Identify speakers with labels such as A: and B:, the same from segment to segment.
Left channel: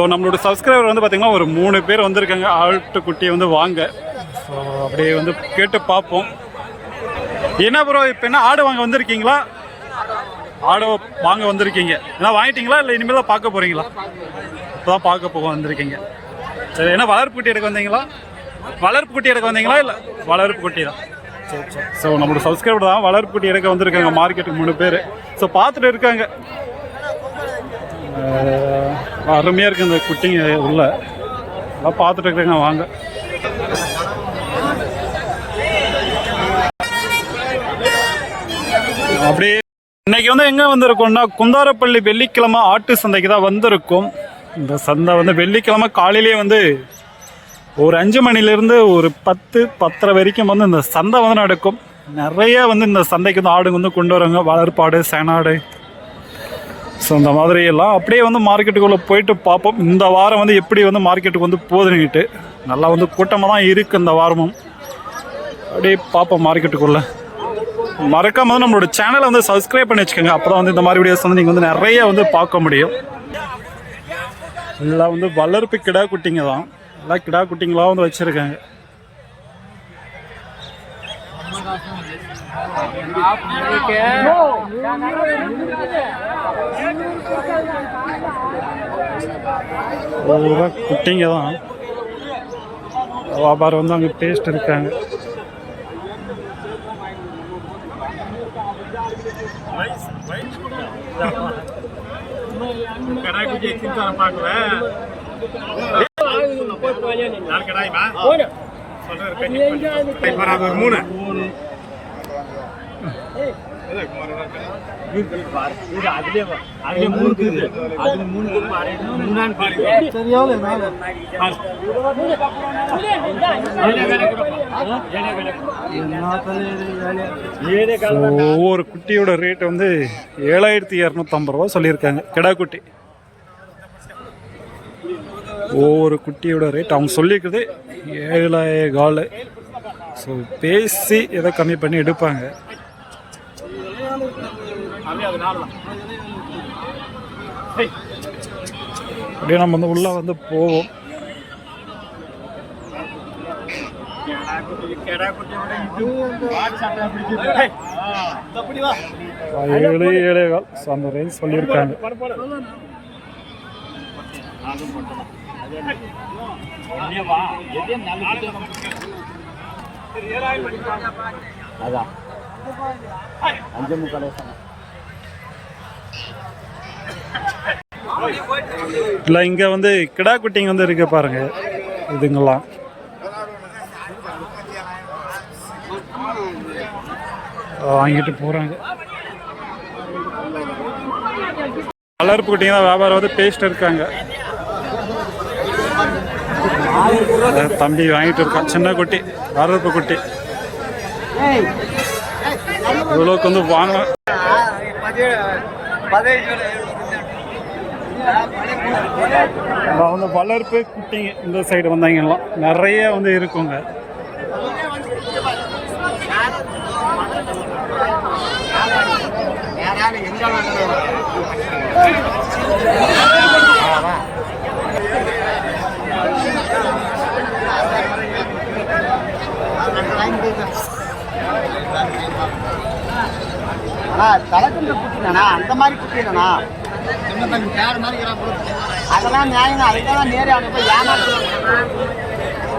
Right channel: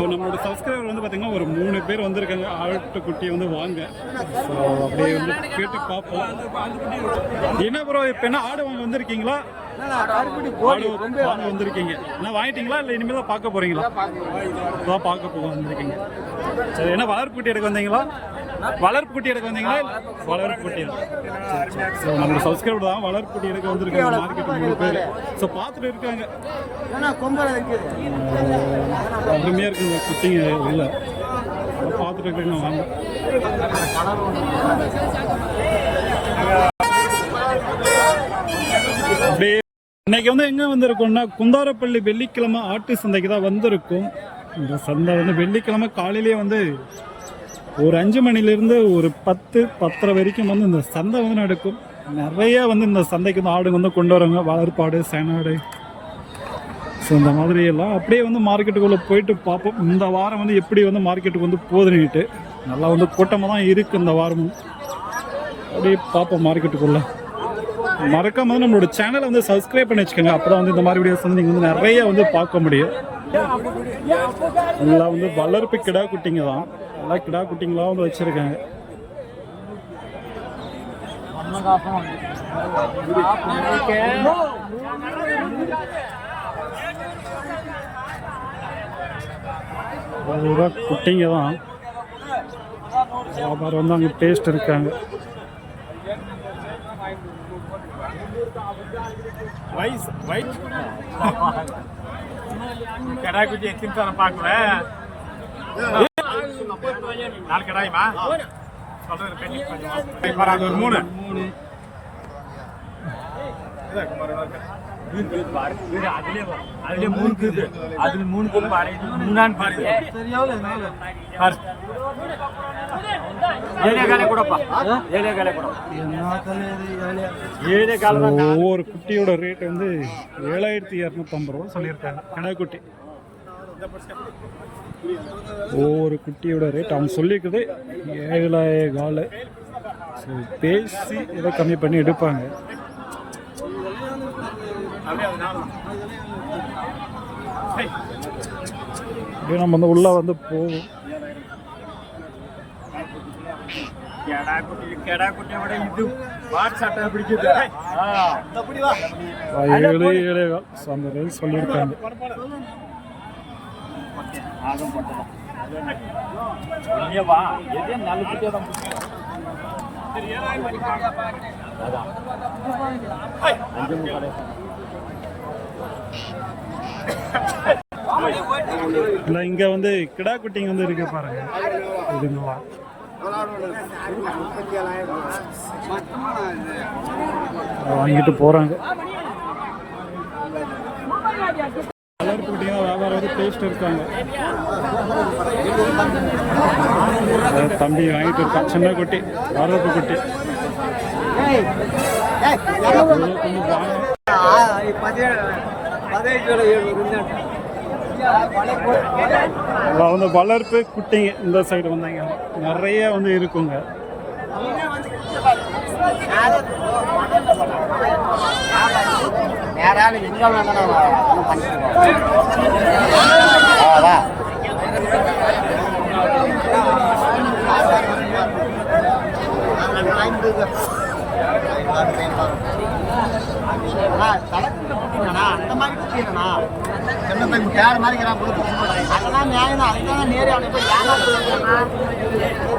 A: So நம்மளோட subscriber வந்து பார்த்தீங்கன்னா ஒரு மூணு பேர் வந்திருக்காங்க. ஆட்டுக்குட்டியை வந்து வாங்க. ஸோ அப்படியே வந்து கேட்டு பார்ப்போம். என்ன ப்ரோ இப்போ என்ன ஆடு வாங்க வந்திருக்கீங்களா? ஆடு வாங்க வந்திருக்கீங்க. என்ன வாங்கிட்டீங்களா? இல்லை இனிமேல் தான் பார்க்க போகிறீங்களா இப்போ தான் பார்க்க போக வந்திருக்கீங்க. சரி என்ன வளர்ப்பு குட்டி எடுக்க வந்தீங்களா? வளர்ப்பு குட்டி எடுக்க வந்தீங்களா? இல்லை வளர்ப்பு குட்டி தான். சரி சரி. ஸோ நம்மளோட சப்ஸ்கிரைபர் தான் வளர்ப்பு குட்டி எடுக்க வந்திருக்காங்க. மார்க்கெட்டுக்கு மூணு பேர். ஸோ பார்த்துட்டு இருக்காங்க. அருமையாக இருக்கு இந்த குட்டிங்க உள்ள. எல்லாம் பார்த்துட்டு இருக்கிறேங்க வாங்க. அப்படியே இன்னைக்கு வந்து எங்கே வந்திருக்கோம்னா குந்தாரப்பள்ளி வெள்ளிக்கிழமை ஆட்டு சந்தைக்கு தான் வந்திருக்கோம். இந்த சந்தை வந்து வெள்ளிக்கிழமை காலையிலேயே வந்து ஒரு அஞ்சு மணிலேருந்து ஒரு பத்து பத்தரை வரைக்கும் வந்து இந்த சந்தை வந்து நடக்கும். நிறைய வந்து இந்த சந்தைக்கு வந்து ஆடுங்க வந்து கொண்டு வராங்க. வளர்ப்பாடு சேனாடு ஸோ இந்த மாதிரி எல்லாம் அப்படியே வந்து மார்க்கெட்டுக்குள்ளே போயிட்டு பார்ப்போம். இந்த வாரம் வந்து எப்படி வந்து மார்க்கெட்டுக்கு வந்து போதுன்னுட்டு நல்லா வந்து கூட்டமாக தான் இருக்குது இந்த வாரமும். அப்படியே பார்ப்போம் மார்க்கெட்டுக்குள்ளே. மறக்காம வந்து நம்மளோட சேனலை வந்து சப்ஸ்கிரைப் பண்ணி வச்சுக்கோங்க. அப்போ வந்து இந்த மாதிரி வீடியோஸ் வந்து நீங்கள் வந்து நிறைய வந்து பார்க்க முடியும். எல்லாம் வந்து வளர்ப்பு கிடா குட்டிங்க தான். எல்லாம் கிடா குட்டிங்களாக வந்து வச்சுருக்காங்க. பூரா குட்டிங்க தான். வியாபாரம் வந்து அங்கே பேஸ்ட் இருக்காங்க. சொல்றேன் ஒரு மூணு. எதா மூணு இருக்குது அதுல மூணு பாரு பாரு சரி நாலு ஒவ்வொரு குட்டியோட ரேட் வந்து ஏழாயிரத்தி இரநூத்தம்பது ரூபா சொல்லியிருக்காங்க. கிடா குட்டி. ஒவ்வொரு குட்டியோட ரேட் அவங்க சொல்லியிருக்குது ஏழாயிரம் கால். ஸோ பேசி ஏதோ கம்மி பண்ணி எடுப்பாங்க. அப்படியே நம்ம வந்து உள்ளே வந்து போவோம் ஏழு ஸோ அந்த ரேஞ்ச் சொல்லியிருக்காங்க அதான். இல்லை இங்கே வந்து கிடா குட்டிங்க வந்து இருக்கு பாருங்க. இதுங்கெல்லாம். வாங்கிட்டு போகிறாங்க வளர்ப்பு குட்டிங்க தான் வியாபாரம் வந்து பேஸ்ட் இருக்காங்க. தம்பி வாங்கிட்டு இருக்கான். சின்ன குட்டி வரப்பு குட்டி. இவ்வளோக்கு வந்து வாங்க. வந்து வளர்ப்பு குட்டிங்க இந்த சைடு வந்தாங்கலாம் நிறைய வந்து இருக்குங்க. தலைக்கன்று குட்டிங்கண்ணா அந்த மாதிரி குட்டிங்கண்ணா. சின்ன பையன் பேர் மாதிரி இருக்கிறான் கொடுக்கு அதெல்லாம் நியாயம் அதுக்காக நேரே அவங்க போய் ஏமாத்துறாங்க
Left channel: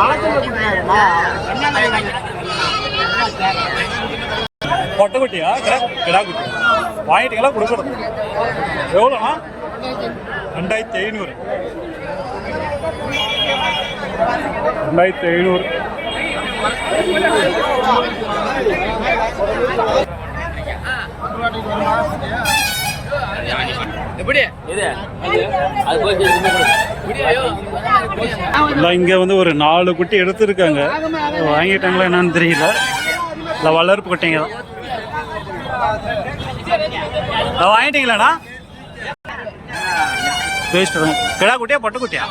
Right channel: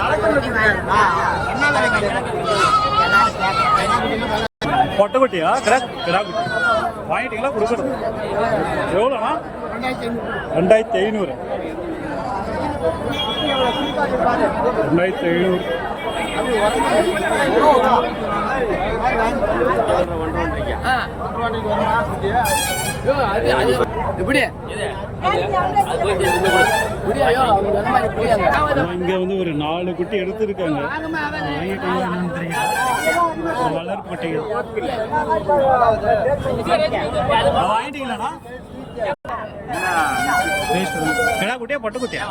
A: தலைக்கன்று குட்டிங்கண்ணா. என்ன விலை பொட்டை குட்டியா? கிடா கிடா குட்டி. வாங்கிட்டீங்களா? கொடுக்குறது. எவ்வளோண்ணா? ரெண்டாயிரத்தி ஐநூறு. ரெண்டாயிரத்தி ஐநூறு. இல்லை இங்கே வந்து ஒரு நாலு குட்டி எடுத்திருக்காங்க. வாங்கிட்டாங்களா என்னன்னு தெரியல. இல்லை வளர்ப்பு குட்டிங்க தான். வாங்கிட்டீங்களாண்ணா? பேஸ்ட் கிடா குட்டியா? பொட்டை குட்டியா?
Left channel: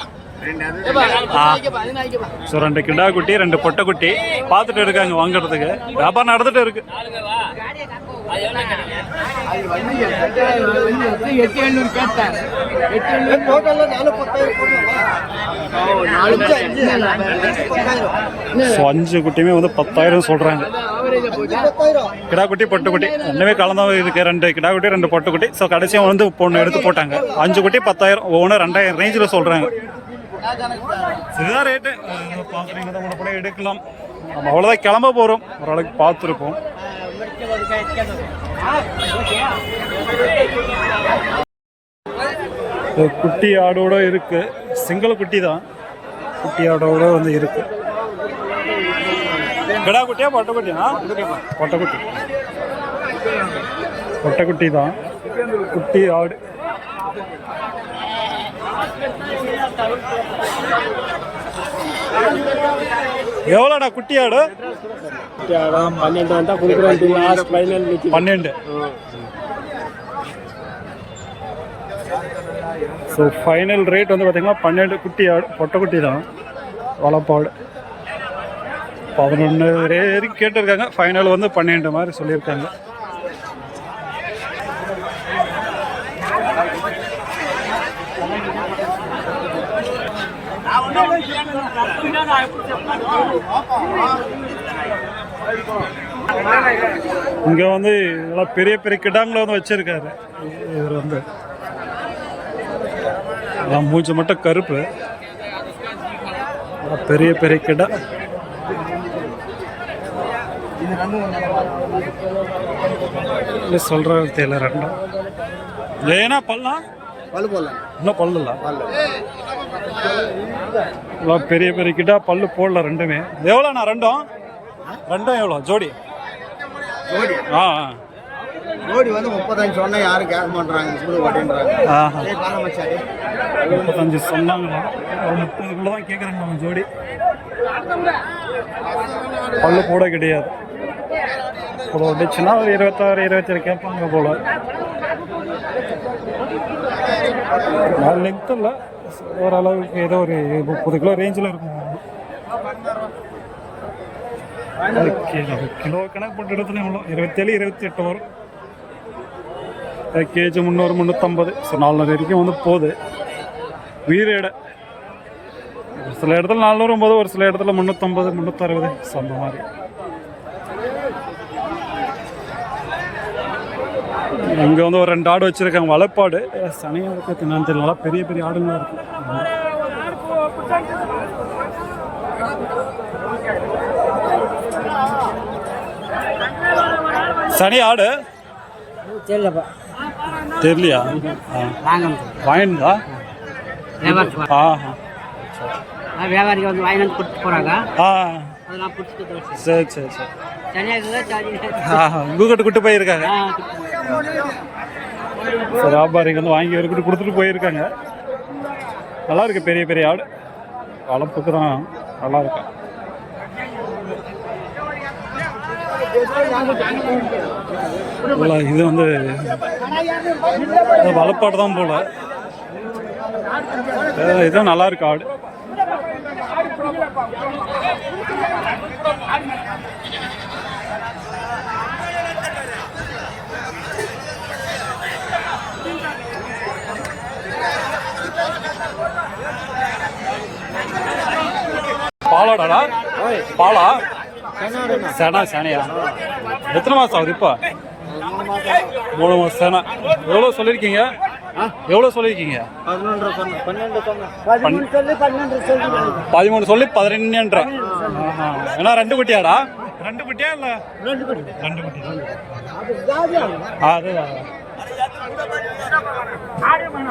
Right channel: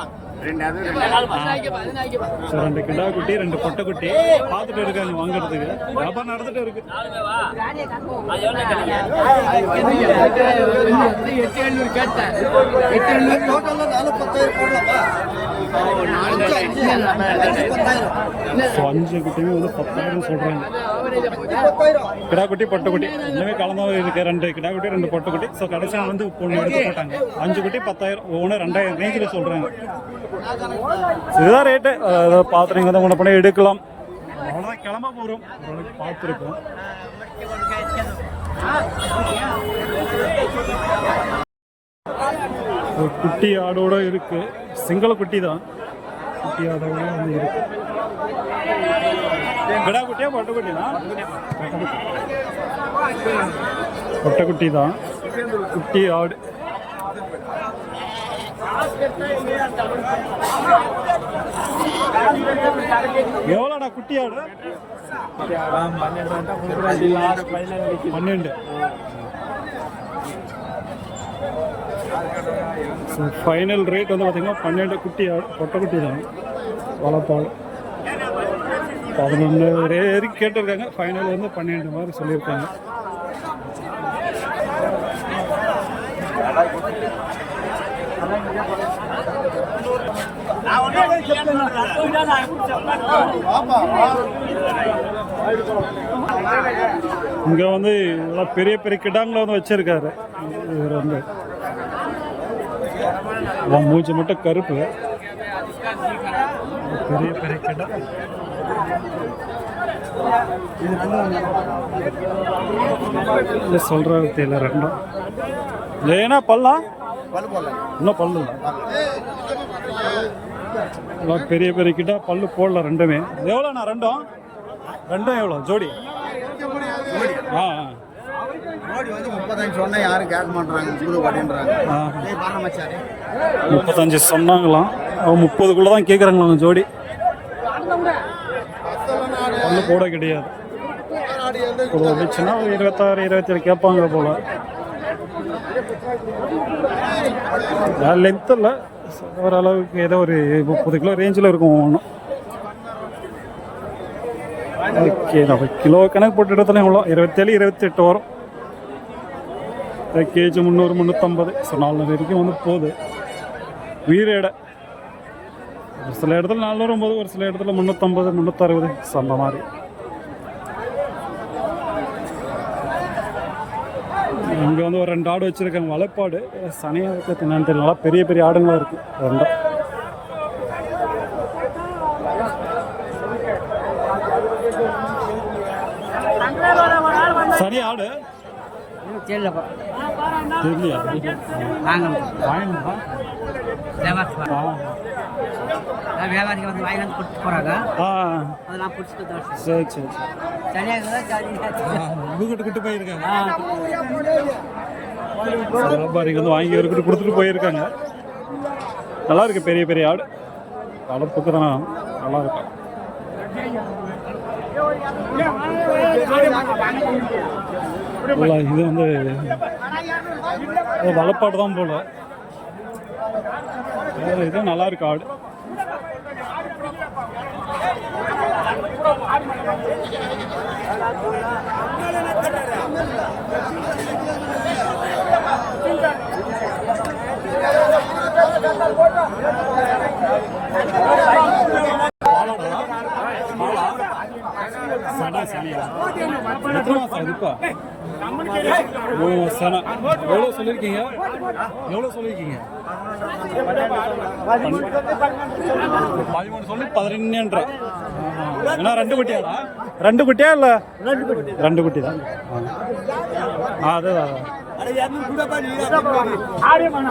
A: ஸோ ரெண்டு கிடா குட்டி ரெண்டு பொட்டை குட்டி. பார்த்துட்டு இருக்காங்க வாங்குறதுக்கு. வியாபாரம் நடந்துட்டு இருக்கு. அஞ்சு ஸோ அஞ்சு குட்டியுமே வந்து பத்தாயிரம் சொல்றாங்க. கிடாக்குட்டி கிடா குட்டி பொட்டை குட்டி. ரெண்டுமே கலந்தா இருக்கு. ரெண்டு கிடா குட்டி ரெண்டு பொட்டை குட்டி. ஸோ கடைசியாக வந்து பொண்ணு எடுத்து போட்டாங்க. அஞ்சு குட்டி பத்தாயிரம். ஒவ்வொன்று ரெண்டாயிரம் ரேஞ்சில் சொல்றாங்க. இதுதான் ரேட்டு பார்த்து நீங்கள் வந்து முன்ன பண்ணி எடுக்கலாம். நம்ம அவ்வளோதான் கிளம்ப போகிறோம் ஓரளவுக்கு பார்த்துருப்போம். குட்டி ஆடோட இருக்கு. சிங்கள குட்டி தான். குட்டி ஆடோட வந்து இருக்கு. கிடா குட்டியா பொட்டக்குட்டியா பொட்டக்குட்டி பொட்டக்குட்டி தான். குட்டி ஆடு. எவ்வளோடா குட்டி ஆடு பன்னெண்டு. ஸோ ஃபைனல் ரேட் வந்து பார்த்தீங்கன்னா பன்னெண்டு குட்டி ஆடு பொட்டை குட்டி தான். வளப்பாடு. பதினொன்று வரைக்கும் கேட்டிருக்காங்க. ஃபைனல் வந்து பன்னெண்டு மாதிரி சொல்லியிருக்காங்க. இங்கே வந்து இதெல்லாம் பெரிய பெரிய கிடாங்களை வந்து வச்சிருக்காரு. இவர் வந்து. எல்லாம் மூஞ்சி மட்டும் கருப்பு. பெரிய பெரிய கிடா. சொல்ற சொல்கிற தெரியல ரெண்டும். ஏன்னா பல்லாம் பல்லு போடலாம் இன்னும் பல்லு இல்லை. பெரிய பெரிய கிட்டா பல்லு போடல ரெண்டுமே. எவ்வளோண்ணா ரெண்டும்? ரெண்டும் எவ்வளோ ஜோடி. ஆ ஆ.
B: ஜோடி வந்து முப்பத்தஞ்சு சொன்னா யாரும் கேட்க மாட்டாங்க முப்பது
A: மச்சாரு முப்பத்தஞ்சு சொன்னாங்களாம். அவன் முப்பதுக்குள்ளே தான் கேட்குறாங்களாம் ஜோடி. பல்லு போட கிடையாது. ஒரு வந்துச்சுன்னா ஒரு இருபத்தாறு இருபத்தேழு கேட்பாங்க போல. நான் லென்த் இல்லை. ஓரளவுக்கு ஏதோ ஒரு முப்பது கிலோ ரேஞ்சில் இருக்கும் ஒன்றும் ஓகே நம்ம கிலோ கணக்கு போட்டு இடத்துல எவ்வளோ இருபத்தேழு இருபத்தெட்டு வரும். கேஜி முந்நூறு முந்நூற்றம்பது ஸோ நாலு வரைக்கும் வந்து போகுது. உயிர் ஒரு சில இடத்துல நானூறு போது ஒரு சில இடத்துல முந்நூற்றம்பது முந்நூற்றறுபது ஸோ அந்த மாதிரி. இங்கே வந்து ஒரு ரெண்டு ஆடு வச்சுருக்காங்க. வளப்பாடு. சனியாக இருக்குது என்னன்னு தெரியல. நல்லா பெரிய பெரிய ஆடுங்களாம் இருக்குது ரெண்டும். சனி ஆடு? தெரியலையா? ஆ. வாங்க வாங்கிருந்தா வியாபாரத்துக்கு ஆ.
B: வியாபாரிக்கு வந்து வாங்கி வந்து கொடுத்து போகிறாங்க ஆ அதெல்லாம் பிடிச்சிட்டு தோசை
A: சரி சரி சரி
B: தனியாக
A: கூக்கட்டு கூட்டு போயிருக்காங்க வியாபாரிங்க வந்து வாங்கி இவர்கிட்ட கொடுத்துட்டு போயிருக்காங்க நல்லா இருக்கு பெரிய பெரிய ஆடு வளர்ப்புக்கு தான் நல்லா இருக்கும் போல இது வந்து வளப்பாடு தான் போல இதுவும் நல்லா இருக்கு ஆடு பாலாடாடா? பாலா? சேனா சேனையா? எத்தனை மாதம் ஆகுது இப்போ? மூணு மாதம் சேனா. எவ்வளோ சொல்லியிருக்கீங்க? எவ்வளோ சொல்லியிருக்கீங்க? பதிமூணு சொல்லி பதினெண்டுன்ற ஏன்னா ரெண்டு குட்டியாடா? ரெண்டு குட்டியா இல்லை? ரெண்டு குட்டி ரெண்டு குட்டி தான் அது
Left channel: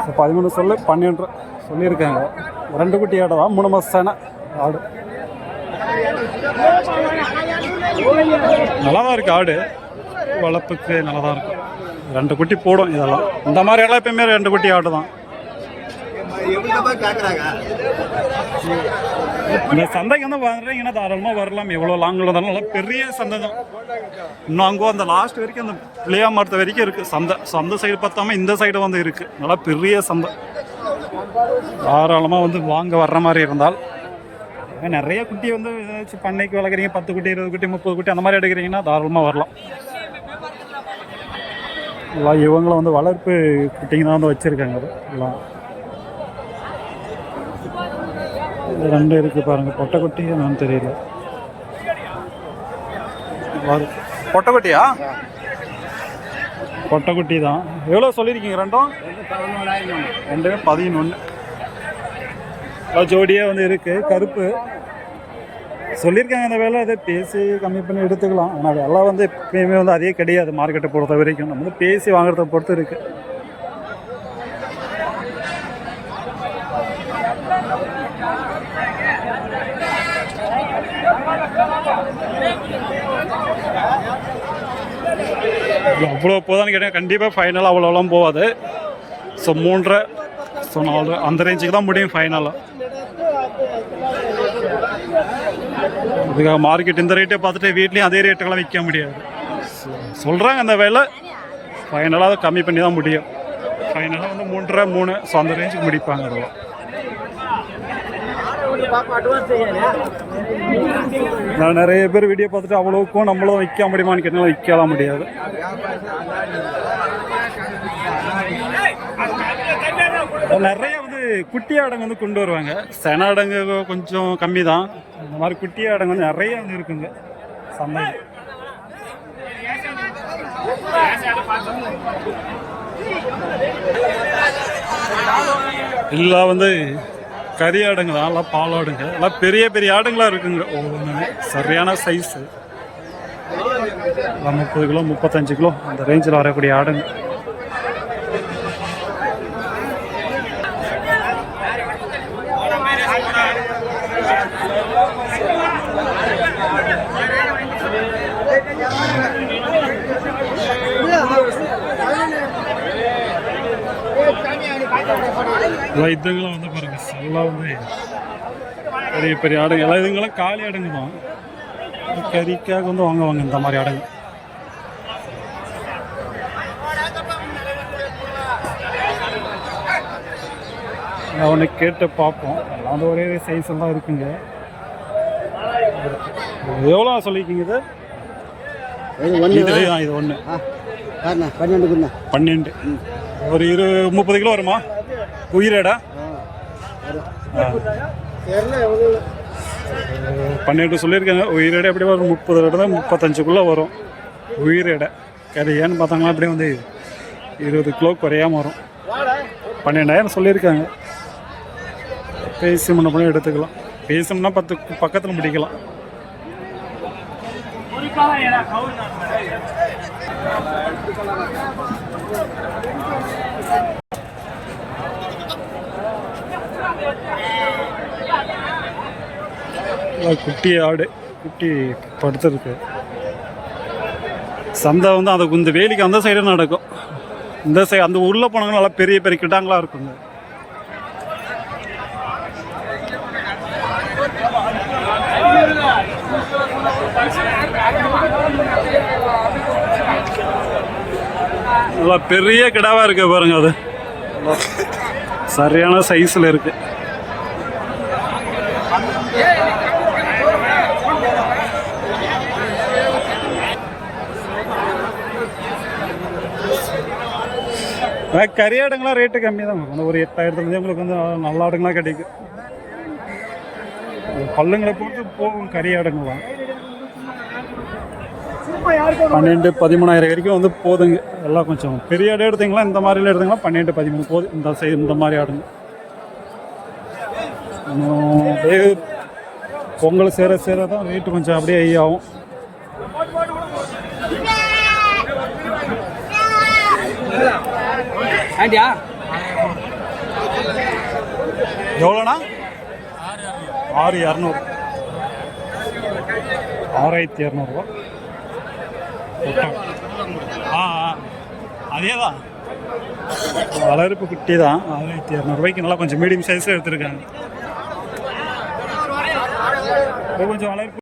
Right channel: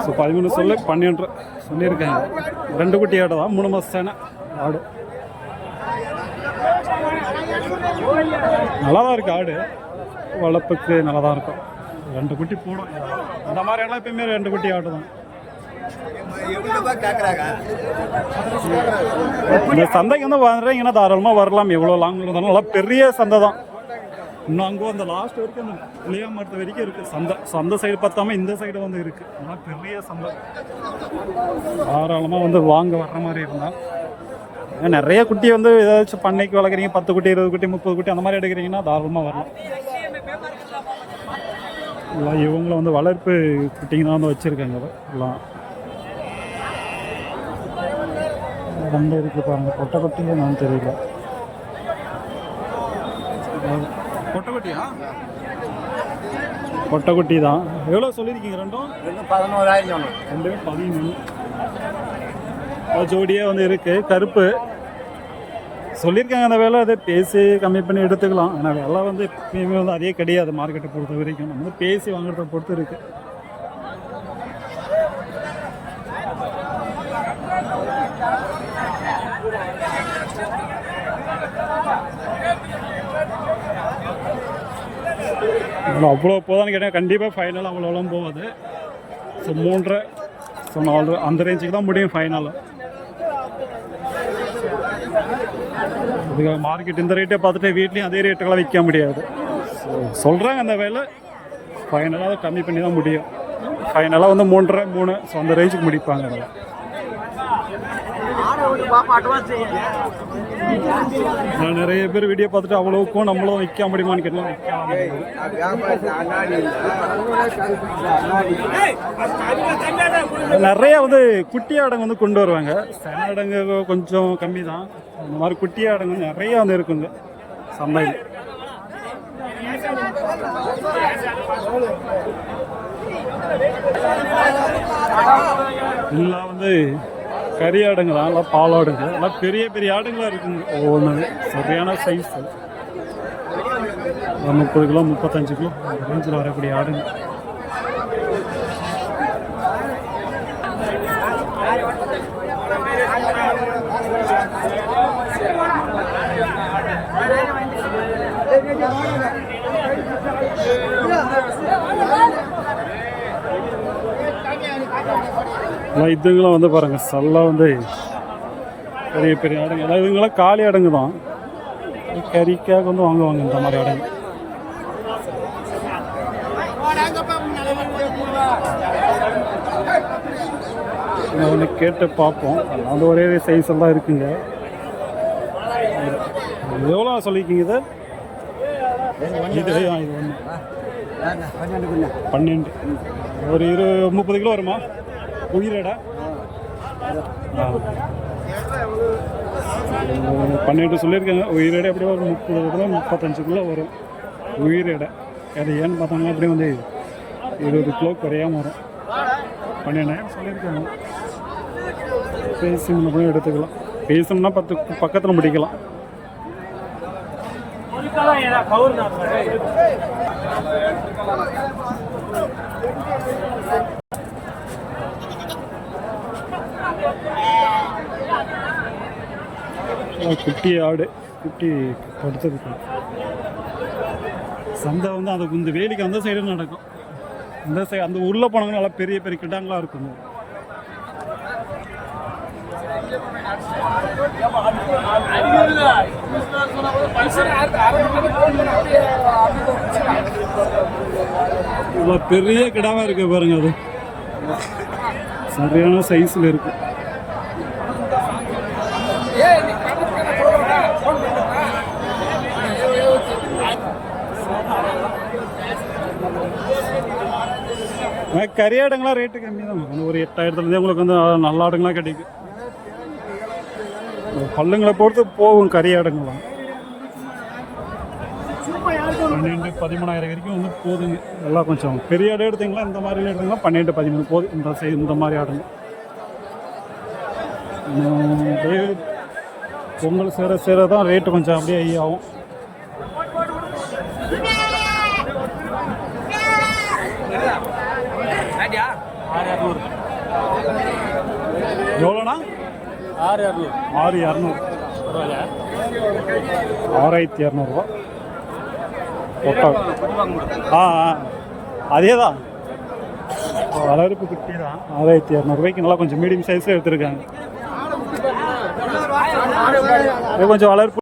A: ஸோ பதிமூணு சொல்லு பன்னெண்டு சொல்லியிருக்காங்க. ரெண்டு குட்டி ஆடு தான் மூணு மாதம் ஆடு. நல்லா தான் இருக்கு ஆடு. வளர்ப்புக்கு நல்லா தான் இருக்கும். ரெண்டு குட்டி போடும் இதெல்லாம். இந்த மாதிரி எல்லாம் எப்பயுமே ரெண்டு குட்டி ஆடு தான் இந்த சந்தைக்கு வந்து வர்றீங்கன்னா தாராளமாக வரலாம்? எவ்வளோ லாங்கில் இருந்தாலும் நல்லா பெரிய சந்தை தான். இன்னும் அங்கே அந்த லாஸ்ட் வரைக்கும் அந்த பிள்ளையா மரத்து வரைக்கும் இருக்குது சந்தை சந்தை சைடு பார்த்தாம இந்த சைடு வந்து இருக்குது நல்லா பெரிய சந்தை. தாராளமாக வந்து வாங்க வர்ற மாதிரி இருந்தால். நிறைய குட்டி வந்து ஏதாச்சும் பண்ணைக்கு வளர்க்குறீங்க பத்து குட்டி இருபது குட்டி முப்பது குட்டி அந்த மாதிரி எடுக்கிறீங்கன்னா தாராளமாக வரலாம். எல்லாம் இவங்களும் வந்து வளர்ப்பு குட்டிங்க தான் வந்து வச்சுருக்காங்க. எல்லாம் ரெண்டு இருக்குது பாருங்கள் பொட்டைக்குட்டி என்னன்னு தெரியல. பொட்டைக்குட்டியா பொட்டைக்குட்டி தான். எவ்வளோ சொல்லியிருக்கீங்க? ரெண்டும்?
B: பதினோராயிரம்
A: ரெண்டுமே பதினொன்று ஜோடியே வந்து இருக்குது கருப்பு. சொல்லியிருக்காங்க அந்த வேலை அதை பேசி கம்மி பண்ணி எடுத்துக்கலாம். ஆனால் விலை வந்து எப்பயுமே வந்து அதே கிடையாது மார்க்கெட்டை பொறுத்த வரைக்கும். நம்ம வந்து பேசி வாங்குறத பொறுத்து இருக்குது அவ்வளோ போதான்னு கேட்டால் கண்டிப்பாக ஃபைனல் அவ்வளோலாம் போகாது ஸோ மூன்றரை ஸோ நாலு அந்த ரேஞ்சுக்கு தான் முடியும் ஃபைனலாக இதுக்காக மார்க்கெட் இந்த ரேட்டை பார்த்துட்டு வீட்லேயும் அதே ரேட்டுக்கெல்லாம் விற்க முடியாது. ஸோ சொல்கிறாங்க அந்த வேலை. ஃபைனலாக அதை கம்மி பண்ணி தான் முடியும். ஃபைனலாக வந்து மூன்றரை மூணு ஸோ அந்த ரேஞ்சுக்கு முடிப்பாங்க அதெல்லாம். நான் நிறைய பேர் வீடியோ பார்த்துட்டு அவ்வளோக்கும் நம்மளும் விற்க முடியுமான்னு கேட்டாலும் விற்கலாம் முடியாது. நிறைய வந்து குட்டி ஆடங்கு வந்து கொண்டு வருவாங்க. சென ஆடங்க கொஞ்சம் கம்மி தான் இந்த மாதிரி குட்டி ஆடங்கு வந்து நிறைய வந்து இருக்குங்க. சந்தையில். எல்லாம் வந்து கறி ஆடுங்க தான் எல்லாம் பால் ஆடுங்க. எல்லாம் பெரிய பெரிய ஆடுங்களா இருக்குங்க. ஒவ்வொன்றுமே சரியான சைஸு முப்பது கிலோ முப்பத்தஞ்சு கிலோ அந்த ரேஞ்சில் வரக்கூடிய ஆடுங்க. எல்லாம் இதுங்களாம் வந்து பாருங்க எல்லாம் வந்து பெரிய பெரிய ஆடுங்க. எல்லாம் இதுங்களாம் காலி ஆடுங்க தான். கறிக்காக வந்து வாங்குவாங்க இந்த மாதிரி ஆடுங்க. நான் ஒன்று கேட்டு பார்ப்போம். எல்லாம் வந்து ஒரே சைஸ் எல்லாம் இருக்குங்க. எவ்வளோ சொல்லியிருக்கீங்க இது? இது இது ஒன்று பன்னெண்டு. ஒரு இரு முப்பது கிலோ வருமா? உயிரடா? பன்னெண்டு சொல்லியிருக்காங்க. உயிரிடை எப்படி வரும் முப்பது இடம் முப்பத்தஞ்சுக்குள்ளே வரும். உயிரிடை. கறி ஏன்னு பார்த்தாங்கன்னா அப்படியே வந்து இருபது கிலோ குறையாமல் வரும். பன்னெண்டாயிரம் சொல்லியிருக்காங்க. பேசி முன்ன பண்ணி எடுத்துக்கலாம். பேசணும்னா பத்து பக்கத்தில் முடிக்கலாம் குட்டி ஆடு குட்டி படுத்துருக்கு. சந்தை வந்து அந்த இந்த வேலிக்கு அந்த சைடு நடக்கும். இந்த சைடு அந்த உள்ளே போனாங்க நல்லா பெரிய பெரிய கிட்டாங்களா இருக்குங்க. நல்லா பெரிய கிடாவா இருக்கு பாருங்க அது. சரியான சைஸில் இருக்கு. கறி ஆடுங்களாம் ரேட்டு கம்மி தான் ஒரு எட்டாயிரத்துலேருந்தே உங்களுக்கு வந்து நல்ல ஆடுங்களாம் கிடைக்கும். பல்லுங்களை பொறுத்து போகும் கறி ஆடுங்களாம். பன்னெண்டு பதிமூணாயிரம் வரைக்கும் வந்து போதுங்க. எல்லாம் கொஞ்சம் பெரிய ஆடு எடுத்தீங்களா இந்த மாதிரிலாம் எடுத்தீங்களா? பன்னெண்டு பதிமூணு போதும் இந்த சைடு இந்த மாதிரி ஆடுங்க. அப்படியே பொங்கல் சேர சேர தான் ரேட்டு கொஞ்சம் அப்படியே ஆண்டியா? எவ்வளோண்ணா? ஆறு இரநூறு. ஆறாயிரத்தி இரநூறுவா? ஆ அதே தான் வளர்ப்பு குட்டி தான் ஆறாயிரத்தி இரநூறுபாய்க்கு நல்லா கொஞ்சம் மீடியம் சைஸில் எடுத்திருக்காங்க. இது கொஞ்சம் வளர்ப்பு